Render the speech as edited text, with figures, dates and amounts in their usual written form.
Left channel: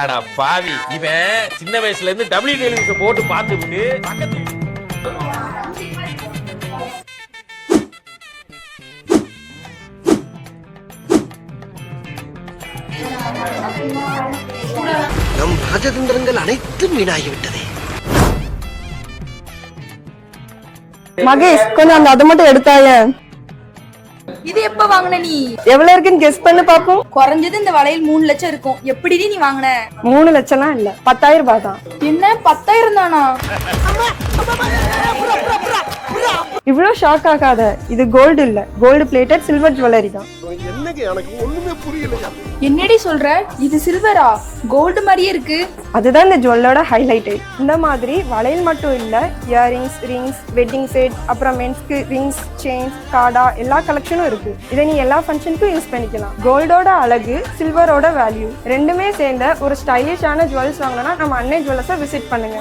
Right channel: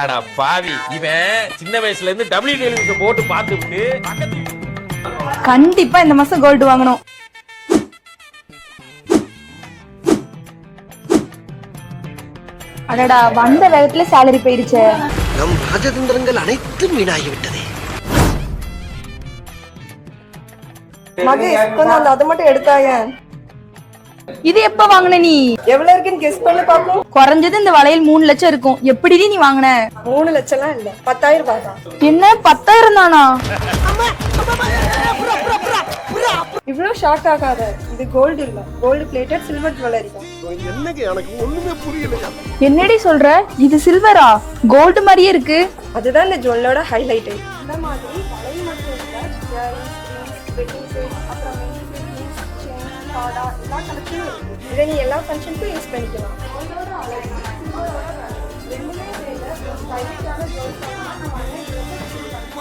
அடா பாவி, இவன் சின்ன வயசுல இருந்து டபிள்யூ டெலிவிஷன் போட்டு பார்த்து விட்டு கண்டிப்பா இந்த மாசம் கோல்டு வாங்கணும். அடடா, வந்த வேகத்துல சேலரி போயிருச்சு. நம் ராஜதந்திரங்கள் அனைத்தும் வீணாகிவிட்டதே. மகேஷ், கொஞ்சம் அந்த அதை மட்டும் எடுத்தாங்க. இது எப்ப வாங்கின நீ? எவ்வளவு இருக்குன்னு கெஸ் பண்ணி பாப்போம். குறைஞ்சது இந்த வளையல் 3 லட்சம் இருக்கும். எப்படி நீ வாங்கின? 3 லட்சம்லாம் இல்ல, 10,000 ரூபாய் தான். என்ன 10,000 தானா? இவ்வளவு ஷாக் ஆகாத, இது கோல்டு இல்ல, கோல்டு பிளேட்டட் சில்வர் ஜுவல்லரி தான். என்னங்க எனக்கு ஒண்ணுமே புரியலையா? என்னடி சொல்ற? இது சில்வரா? கோல்டு மாதிரியே இருக்கு. அதுதான் இந்த ஜுவல்லோட ஹைலைட். இந்த மாதிரி வளையல் மட்டும் இல்ல, இயரிங்ஸ், ரிங்ஸ், வெட்டிங் செட், அப்புறம் மென்ஸ்க்கு ரிங்ஸ், செயின், காடா எல்லா கலெக்ஷனும் இருக்கு. இதை நீ எல்லா ஃபங்க்ஷனுக்கும் யூஸ் பண்ணிக்கலாம். கோல்டோட அழகு, சில்வரோட வேல்யூ ரெண்டுமே சேர்ந்த ஒரு ஸ்டைலிஷான ஜுவல்ஸ் வாங்கினா நம்ம அன்னை ஜுவல்லர்ஸை விசிட் பண்ணுங்க.